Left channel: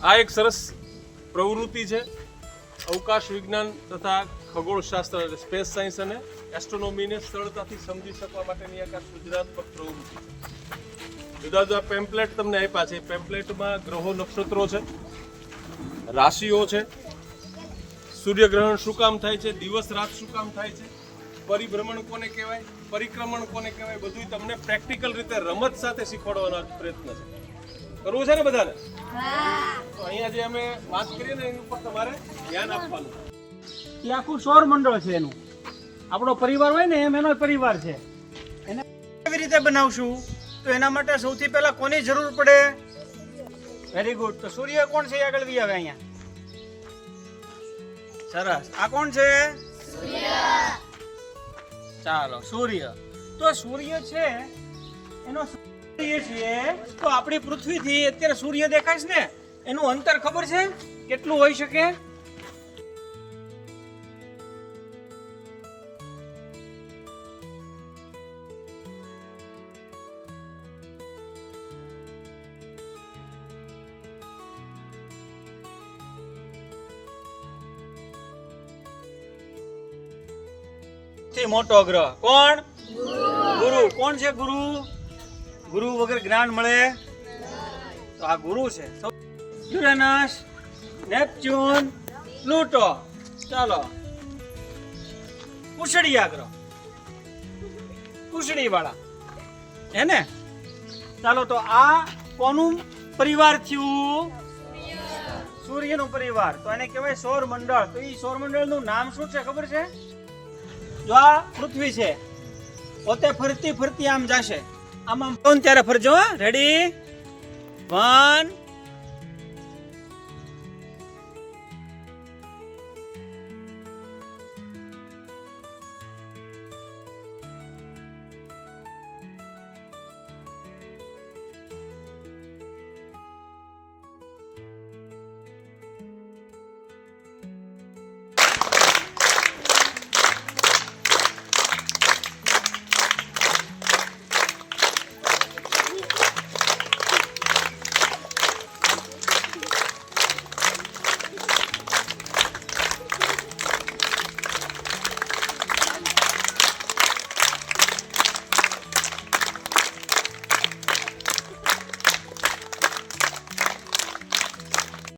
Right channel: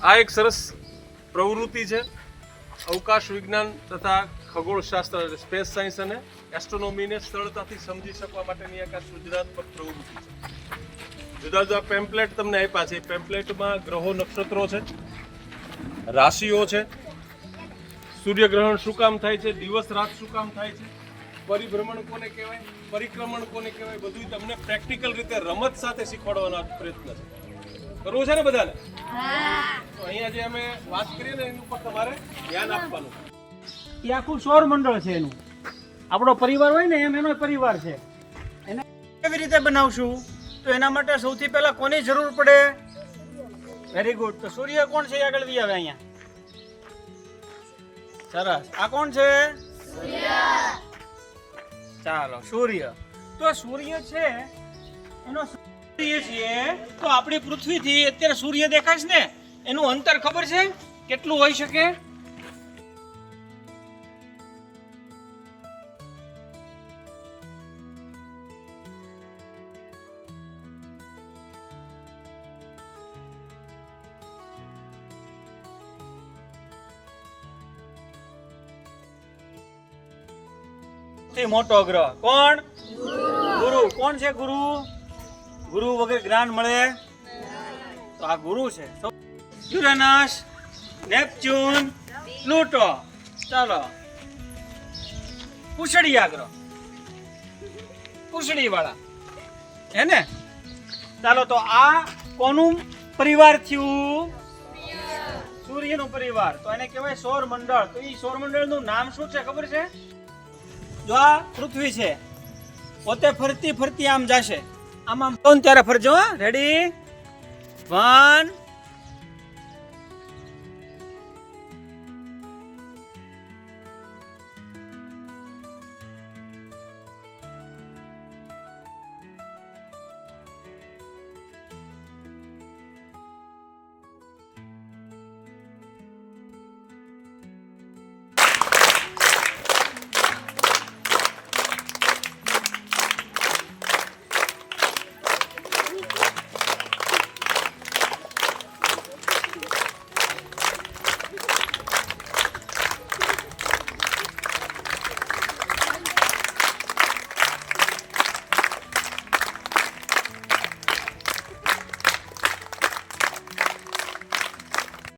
આ એક સરસ પ્રવૃત્તિ છે. અવકાશ વિજ્ઞાન તથા ખગોળશાસ્ત્ર સ્પેસ સાયન્સ અને એસ્ટ્રોનોમીને સરળતાથી સમજી શકવા માટેની એક સૃજનાત્મક પ્રવૃત્તિ છે. જુદા જુદા પેમ્પલેટ તમને આપ્યા છે. પેમ્પલેટમાં ગ્રહો નક્ષત્રો છે, રાશિઓ છે, સૂર્યગ્રહણ શું કામ થાય છે, દિવસ રાત શું કામ થાય છે, પરિભ્રમણ કોને કહેવાય, પરિક્રમણ કોને કહેવાય, બધું તમને પ્રેક્ટિકલ રીતે રમત સાથે શીખવાડવાનો પ્રયત્ન છે. કરવું છે ને બધાને? તો અહીંયા જે અમે વાત કરીએ ને એની ઉપર તમારે ધ્યાન આપવાનું. એ આખું સૌર મંડળ છે એનું. આપણો પરિવાર હોય ને એમ એનો પરિવાર છે. એને કેવી રીતે બનાવશું? તો એના માટે સૌથી પહેલા કોની જરૂર પડે? Very good. તો સૂર્ય કોણ છે? આગળ વી આવે અહીંયા. સરસ. આ કોણ છે? સૂર્ય. ચાલો, સૂર્ય. તો સૂર્ય છે એનો સૂર્ય છે. તો આપણી પૃથ્વીથી અત્યારે સૂર્ય દેખાય છે ને, એનું અંતર ખબર છે કેટલું હોઈ શકે? મોટો ગ્રહ કોણ? ગુરુ. કોણ છે ગુરુ? ગુરુ વગર જ્ઞાન મળે? તો આ ગુરુ છે. Uranus, Neptune, Pluto. ચાલો, પૂછડીયા ગ્રહ, પૂછડી વાળા હે ને? ચાલો, તો આ કોનું પરિવાર થયું? સૂર્યનું પરિવાર. તો એને કહેવાય સૌર મંડળ. તો એ સૌર મંડળનું નામ શું છે ખબર છે? જો આ પૃથ્વી છે, પોતે ફરતી ફરતી આમ જશે. આમ આમ ત્યારે ફરજો. રેડી? 1